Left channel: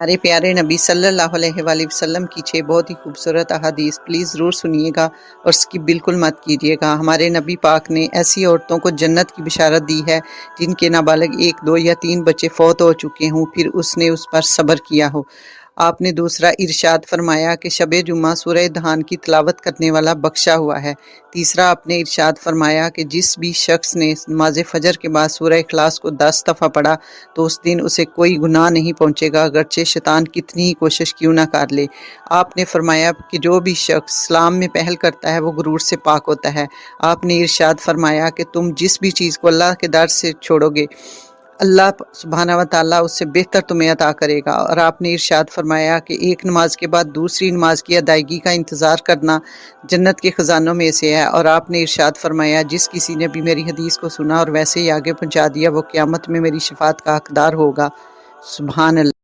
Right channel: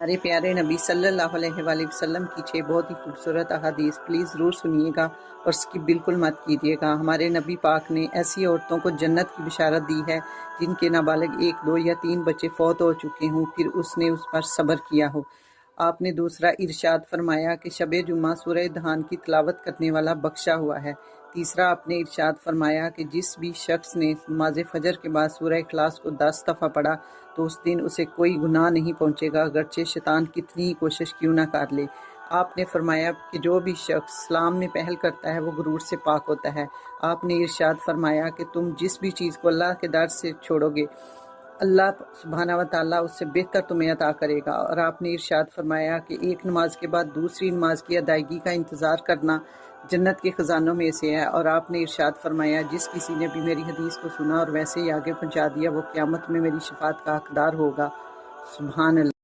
अरे प्यारे नबी सल्लल्लाहु अलैहि वसल्लम की 6 बहुत ही खूबसूरत अहादीस प्लीज़ ज़रूर सुनिएगा और स्किप बिल्कुल मत कीजिएगा। हमारे नबी पाक ने ऐसी औरतों को जन्नत की बिशारत दी है जिनके नाबालिग 1, 2 या 3 बच्चे फ़ौत हो चुके हों, फिर उसने उस पर सब्र किया हो। आपने दूसरा इरशाद फरमाया कि शबे जुम्मा सूरह दहान की तिलावत करने वाला बख्शा हुआ है। तीसरा आपने इरशाद फरमाया कि जिस भी शख्स ने नमाज़ फ़जर के बाद सूरह इखलास को 10 दफ़ा पढ़ा तो उस दिन उसे कोई गुनाह नहीं पहुंचेगा, अगरचे शैतान कितनी ही कोशिश क्यों ना कर ले। आपने फरमाया कि जो भी शख्स इस्लाम में पहल करता है वो गुरूर से पाक होता है। आपने इरशाद फरमाया कि तुम जिस भी चीज़ को अल्लाह के दर से छोड़ोगे, अल्लाह सुब्हाना व तआला उससे बेहतर तुम्हें अता करेगा। और आपने इरशाद फरमाया कि एक नमाज के बाद दूसरी नमाज की अदायगी का इंतज़ार करना जन्नत के ख़जानों में से है। और आपने इरशाद फरमाया जिस किसी ने भी मेरी हदीस को सुना और वैसे ही आगे पहुँचा दिया वो क़यामत में मेरी शफ़ाअत का हकदार होगा। सुभान अल्लाह।